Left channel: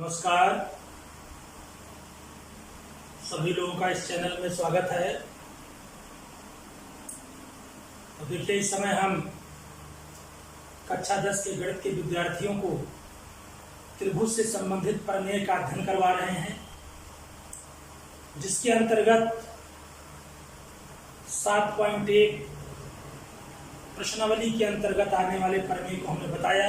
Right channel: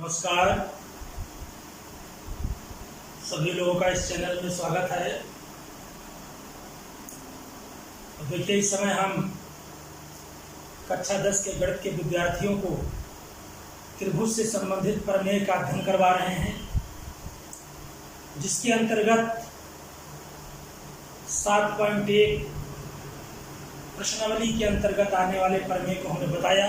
नमस्कार, सभी लोगों का इस चैनल में स्वागत है। और देखिए, इस समय हम कक्षा 10 के गणित के विद्यार्थियों को त्रिभुज से संबंधित प्रमेय का अध्ययन करवा रहे हैं, जिसके अंतर्गत 7.1 प्रश्नावली के अंतर्गत आने वाले प्रमेय को हमने बताया,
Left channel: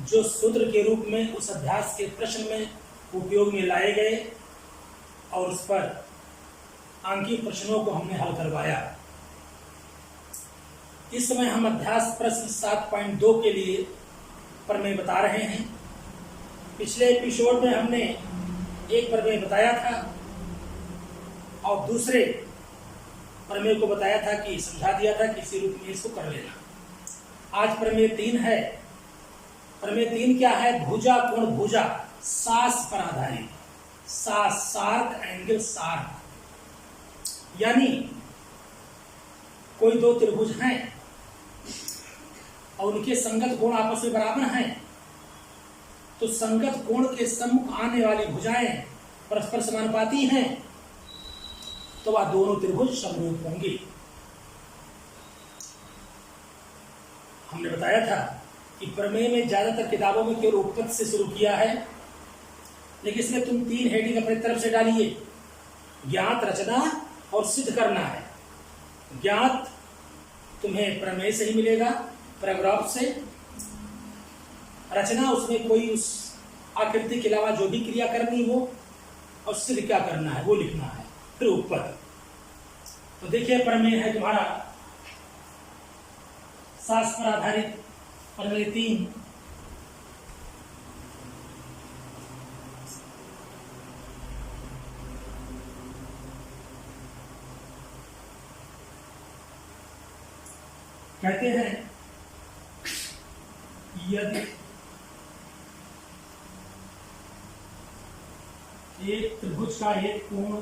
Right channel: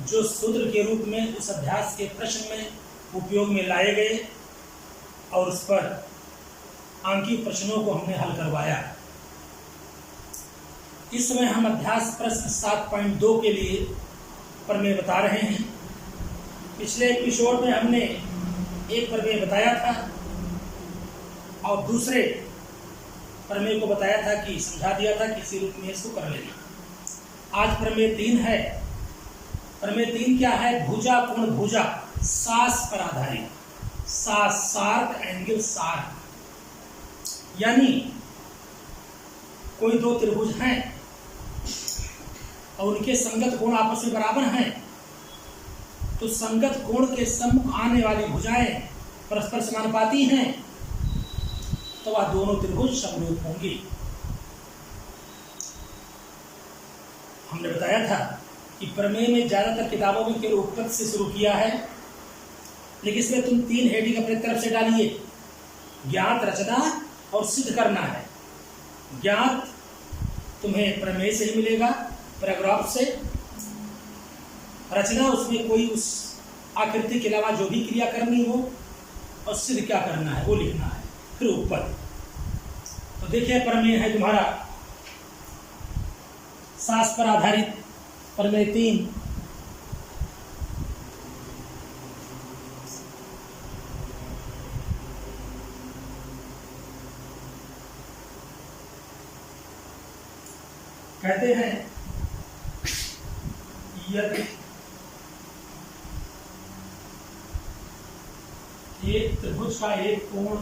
जो सूत्र के रूप में उस अभ्यास के प्रश्न में उपयोग में लाए गए और उस पर अंकीय प्रश्नों को हमने हल करवाया। इस समय हम अभ्यास प्रश्न 7.2 के लिए प्रमेय बता रहे हैं। पिछले एपिसोड में हमने एक प्रमेय बताया था और दूसरे प्रमेय को बताया था कि समझा दिया था कि इसी रूप में इसको कर लेना। आज प्रमेय 3 है। प्रमेय 3 क्या है? भुजा कोण भुजा सास पर आधारित, सास सार्क एंगल सार्क, यानी कोई दो त्रिभुज हैं और उनके संगत कोण आपस में बराबर हैं, तो संगत कोण के सम्मुख आने वाली भुजाएं परस्पर समानुपाती हैं, तो वह दोनों त्रिभुज समरूप होंगे। हमने बताया था कि प्रमेय में ज्यादातर किताबों में केवल उत्पत्ति से शुरू किया है, लेकिन इसमें तुम 3 हेडिंग अपनी तरफ से डालिए। ज्ञात, रचना और सिद्ध करना है। ज्ञात तुम्हें प्रमेय से ही मिलेगा, पैराग्राफ से। रचना, उसमें कोई उस आकृति के अलावा जो भी क्रिया करनी हो, और सिद्ध क्या करना है वो लिखना है। फिर उत्पत्ति। तो देखिए, प्रमेय है तुम्हारा सास पर आधारित प्रमेय 3। कहते हैं, यदि एक त्रिभुज का एक कोण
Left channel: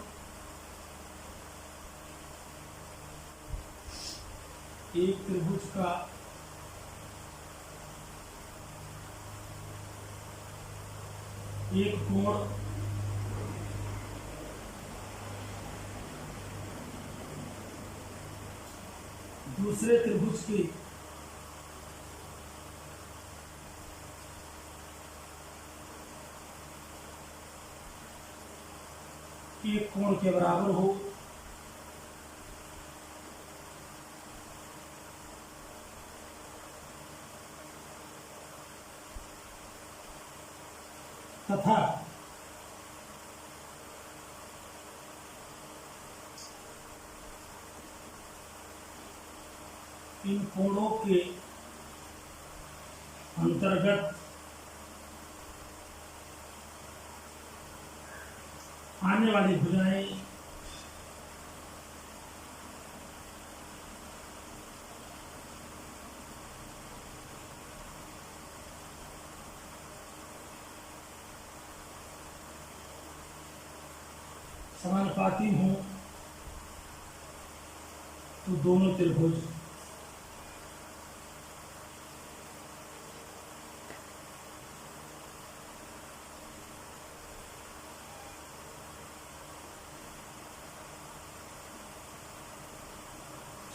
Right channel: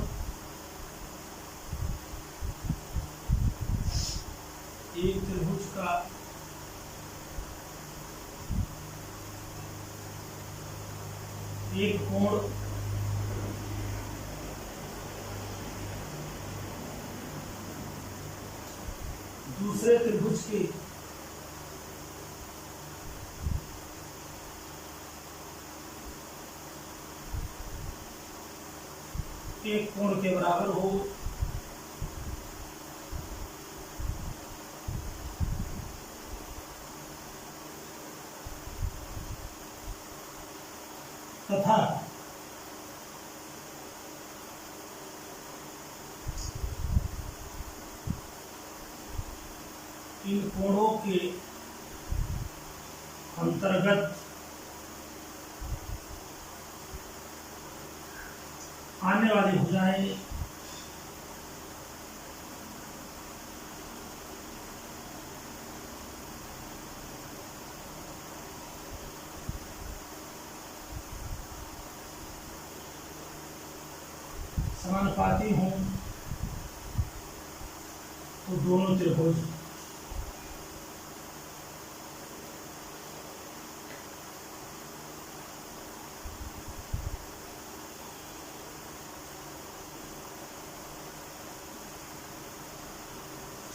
एक कोण दूसरे त्रिभुज के एक कोण के बराबर हो, तथा इन कोणों के अंतर्गत आने वाली भुजाएं समानुपाती हों, तो दोनों त्रिभुज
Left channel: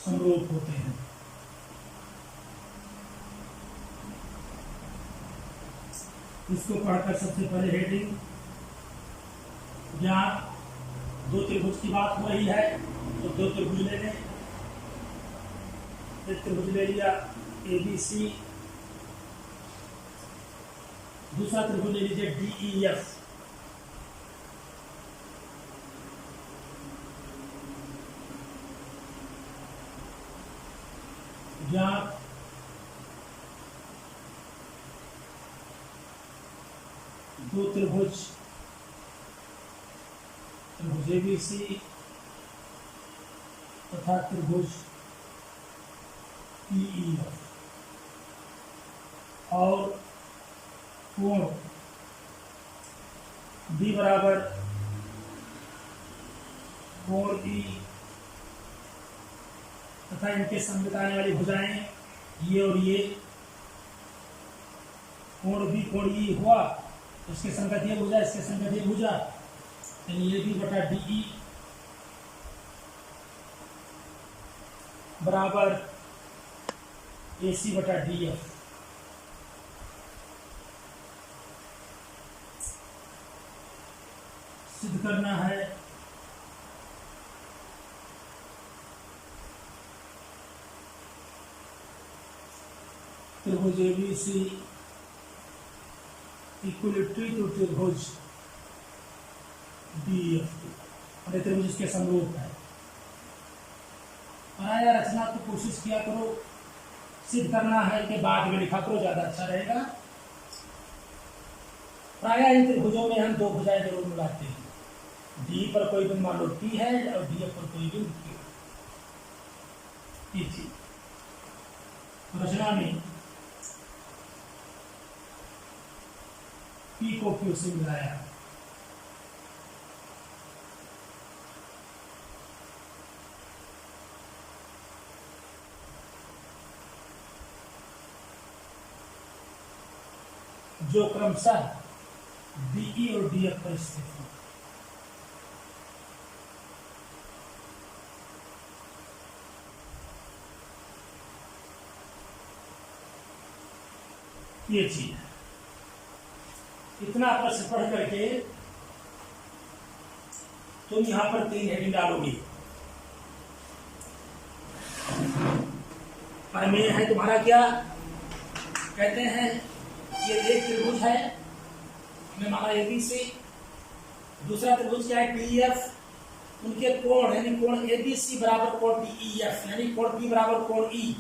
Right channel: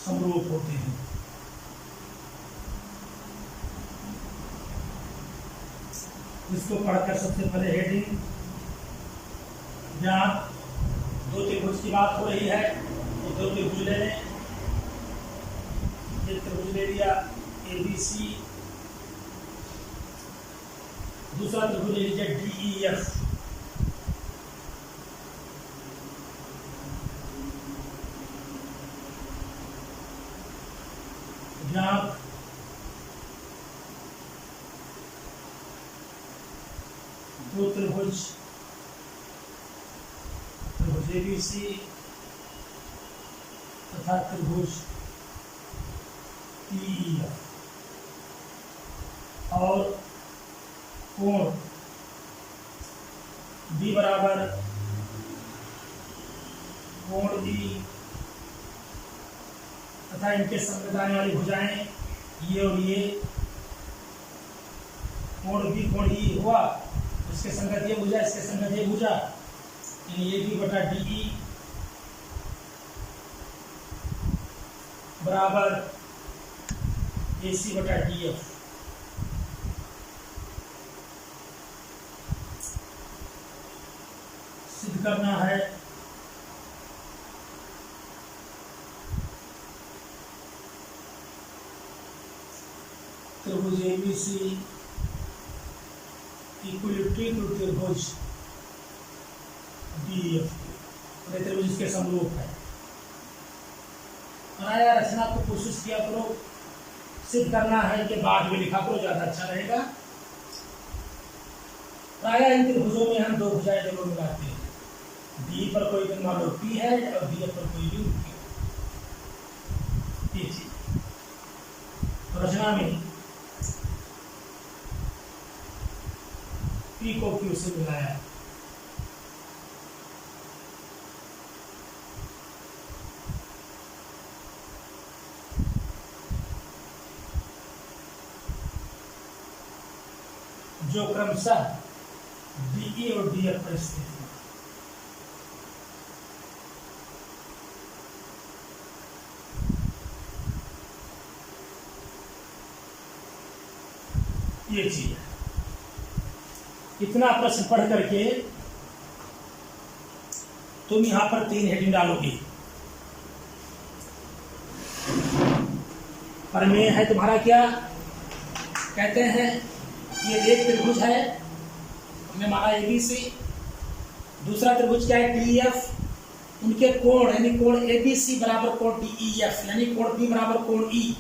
समरूप होते हैं। इसको पढ़कर सबसे पहले हेडिंग, ज्ञात दो त्रिभुज की बात हो रही है, तो दो त्रिभुज ले लें। एक त्रिभुज ले लिया ABC, दूसरा त्रिभुज ले लीजिए DEF। ज्ञात दो त्रिभुज ABC तथा त्रिभुज DEF, और कोण B बराबर कोण E तथा इनके संगत आने वाली भुजाएं ये और ये, कोण B कोण E हुआ इसके संगत ये भुजा, इसके संगत ये भुजा, यानी ए बी बटा डी ई बराबर ए सी बटा डी एफ। सिद्ध करना है त्रिभुज एबीसी इक्विलिटरी टू त्रिभुज डीएफ और ये त्रिभुज इसके समरूप है। आया रचना को कोशिश किया करो, सिद्ध करना है कि बाद में लिखा करो, ज्यादा अच्छा रहेगा। प्रायः इन त्रिभुजों में हम दो भुजाएं जरूर मिलाते हैं, डी पर कोई बिंदु मान लो पी है और डी पर कोई बिंदु क्यू। ये चीज रचना में पी को क्यू से मिलाया, जो क्रमशः डीई और डीएफ पर स्थित है। ये चीज है। इतना प्रश्न पढ़ करके तुम यहां पर 3 हेडिंग डालोगे। प्रमेय है तुम्हारा क्या, कहते हैं ये एक त्रिभुज है, हमने माना एबीसी, दूसरा त्रिभुज क्या है डीएफ, उनके कोण यानी कोण एबीसी बराबर कोण डीईएफ यानी कोण बी बराबर कोण ई,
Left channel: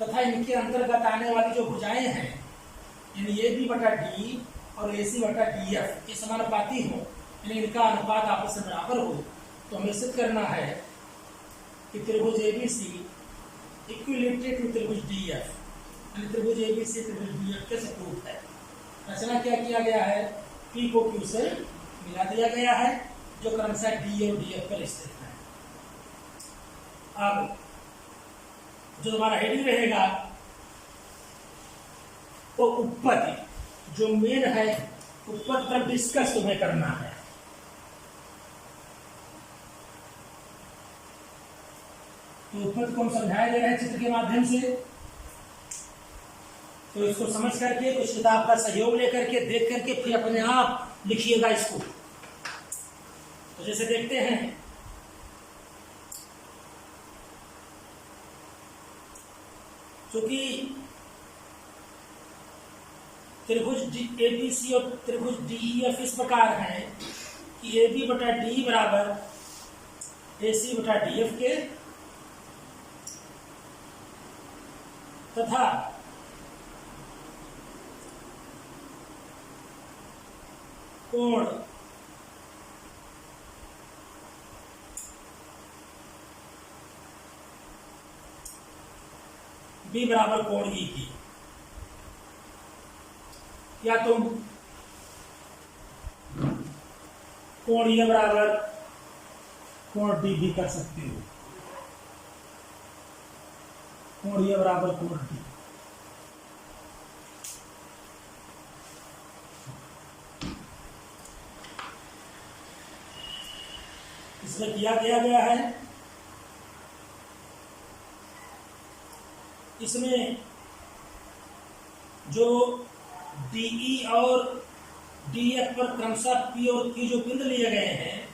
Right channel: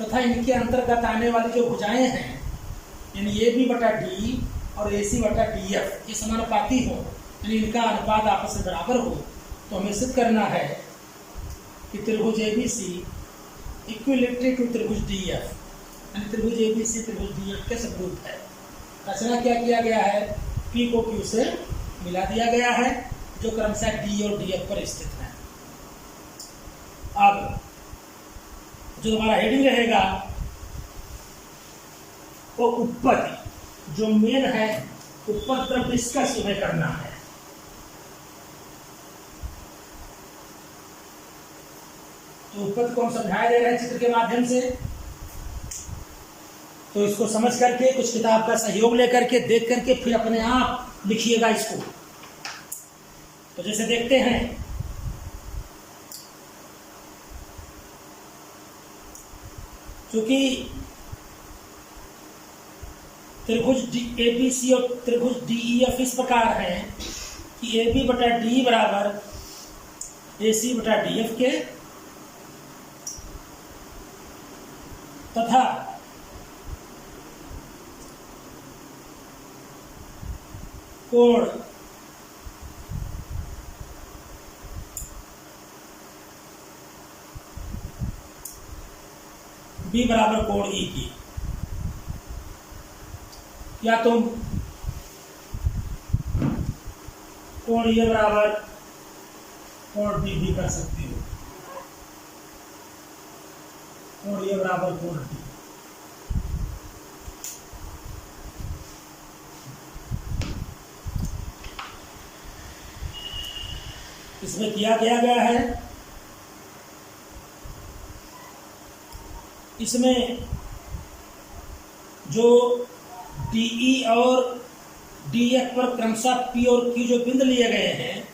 तथा इनके अंतर्गत आने वाली जो भुजाएं हैं यानी ए बी बटा डी और ए सी बटा डी एफ ये समानुपाती हो, यानी इनका अनुपात आपस में बराबर हो, तो हमें सिद्ध करना है कि त्रिभुज एबीसी इक्विलिटरी टू त्रिभुज डी एफ यानी त्रिभुज एबीसी त्रिभुज डी एफ के समरूप है। रचना क्या किया गया है, पी को क्यू से मिला दिया गया है, जो क्रमशः डी और डी एफ पर स्थित है। अब जो हमारा हेडिंग रहेगा वो उत्पत्ति, जो मेन है उत्पत्ति पर डिस्कस तुम्हें करना है। तो उत्पत्ति को हम समझाया दे रहे हैं चित्र के माध्यम से, तो इसको समझ करके कुछ किताब का सहयोग लेकर के देख करके फिर अपने आप लिखिएगा इसको। तो जैसे देखते हैं क्योंकि त्रिभुज एबीसी और त्रिभुज डीईएफ इस प्रकार है कि ए बी बटा डी बराबर ए सी बटा डी एफ के, तथा कोण बी बराबर कोण ई की, या तुम कोण ए बराबर कोण डी भी कर सकते हो, कोण ए बराबर कोण डी। इसमें किया गया है, इसमें जो डीई और डीएफ पर क्रमशः पी और क्यू जो बिंदु लिए गए हैं,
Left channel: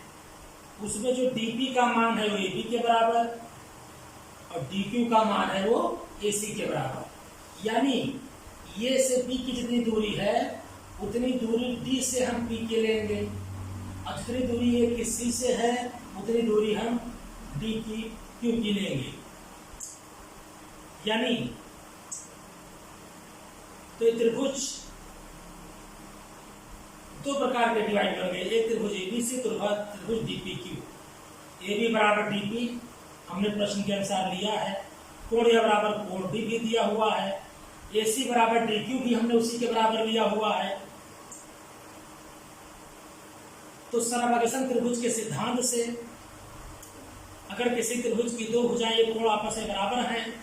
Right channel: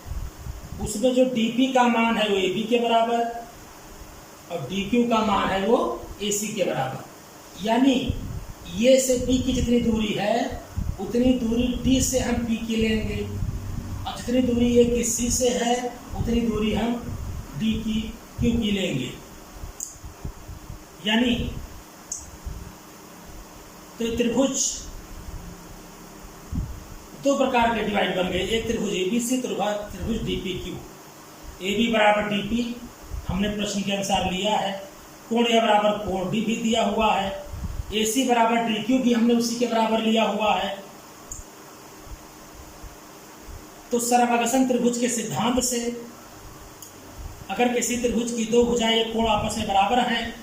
उसमें जो डीपी का मान है वो एबी के बराबर और डीक्यू का मान है वो एसी के बराबर। यानी ये से बी की जितनी दूरी है उतनी दूरी डी से हम पी की लेंगे, और जितनी दूरी ये की सी से है उतनी दूरी हम डी की क्यू की लेंगे। यानी तो ये त्रिभुज दो प्रकार के डिवाइड बन गए, एक त्रिभुज एबीसी, त्रिभुज डीपीक्यू। ए बी बराबर डीपी हमने प्रश्न के अनुसार लिया है, कोण ए बराबर कोण डी भी दिया हुआ है, ए सी बराबर डीक्यू भी हमने उसी के बराबर लिया हुआ है। तो सर्वागसन त्रिभुज के सिद्धांत से अगर किसी त्रिभुज की दो भुजाएं एक कोण आपस में बराबर हैं,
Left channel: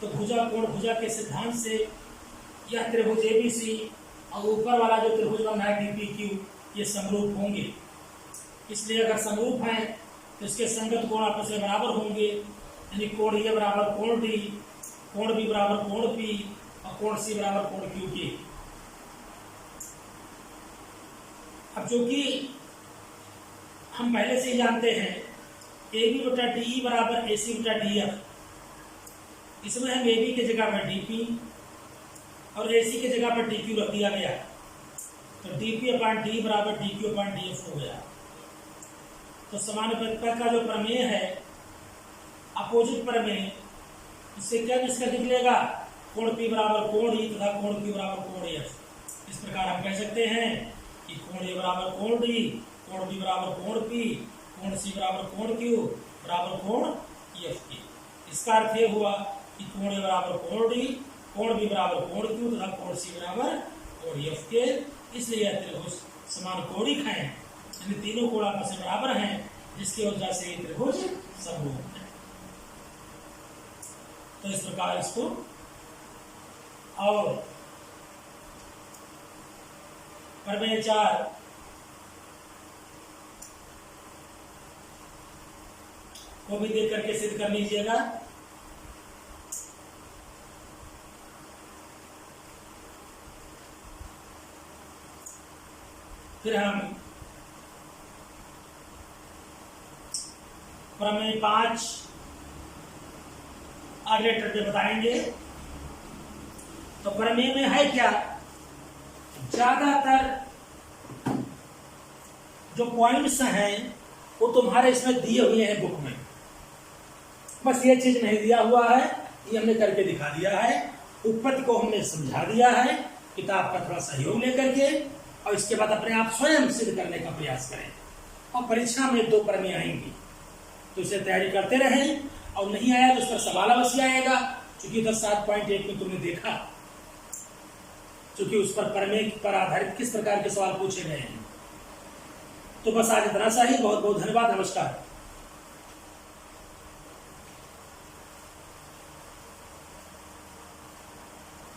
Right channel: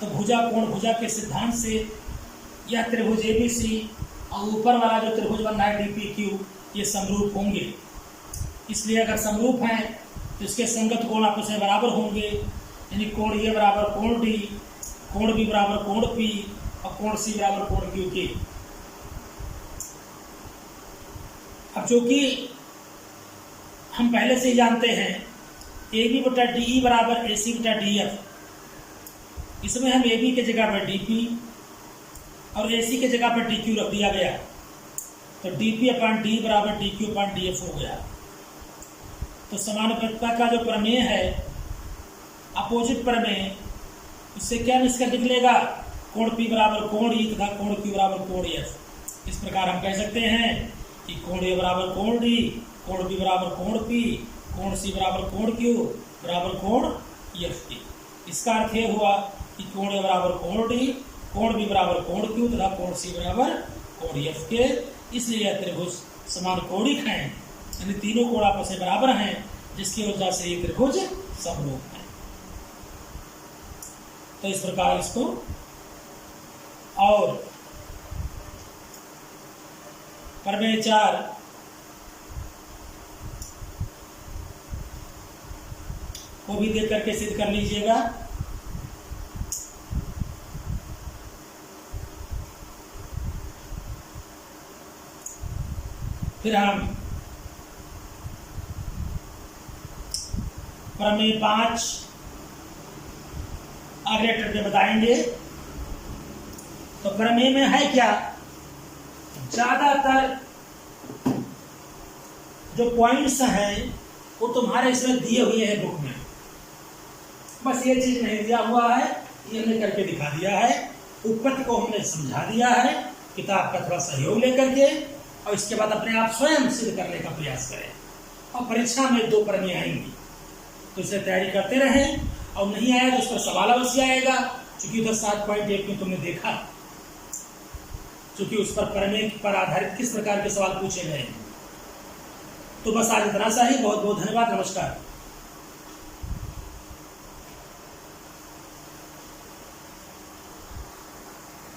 तो भुजा कोण भुजा के सिद्धांत से यह त्रिभुज एबीसी और ऊपर वाला जो त्रिभुज बन रहा है DPQ, ये समरूप होंगे। इसलिए अगर समरूप हैं तो इसके संगत कोण आपस में बराबर होंगे, यानी कोण ए बराबर कोण D, कोण B बराबर कोण P और कोण C बराबर कोण Q के। अब चूंकि हम पहले से ही जानते हैं AB बटा DE बराबर AC बटा DF, इसमें हम AB की जगह पर DP और AC की जगह पर DQ रख दिया गया, तो DP अपान D बराबर DQ अपान DF हो गया। तो समानुपातिकता का जो प्रमेय है, अपोजिट प्रमेय, इससे क्या निष्कर्ष निकलेगा? कोण P बराबर कोण E तथा कोण Q बराबर कोण F। इस प्रकार हम कह सकते हैं कि कोण A बराबर कोण D, कोण B बराबर कोण P, कोण C बराबर कोण Q बराबर कोण FT। इसका अर्थ यह हुआ कि कोण A बराबर कोण D, कोण B बराबर कोण Q तथा कोण C बराबर कोण F के। इसलिए यह त्रिभुज समकोणिक हैं, यानी तीनों कोण आपस में बराबर हैं, जिसकी वजह से ये त्रिभुज समरूप है। तो इस प्रकार इसको और प्रमेय 4 को भी देख करके सिद्ध कर लीजिएगा। फिर हम प्रमेय 5 अगले ट्रिप में बताएंगे। तो प्रमेय में है क्या, ज्यादातर जो पॉइंट्स हैं वो तुम्हारे इसमें दिए हुए हैं बुक में, बस ये चीज नहीं दिया हुआ है, ये हमने करके दिखा दिया है। उत्पत्ति को हमने समझा दिया है किताब का थोड़ा सहयोग लेकर के, और इसके बाद अपने आप स्वयं सिद्ध करने का प्रयास करें। और परीक्षा में 2 प्रमेय आएंगी, तो इसे तैयारी करते रहें, और नहीं आया तो उस पर सवाल अवश्य आएगा, क्योंकि उधर 7.1 में तुमने देखा, क्योंकि उस पर प्रमेय पर आधारित किस प्रकार के सवाल पूछे गए हैं। तो बस आज इतना सा ही। बहुत बहुत धन्यवाद, नमस्कार।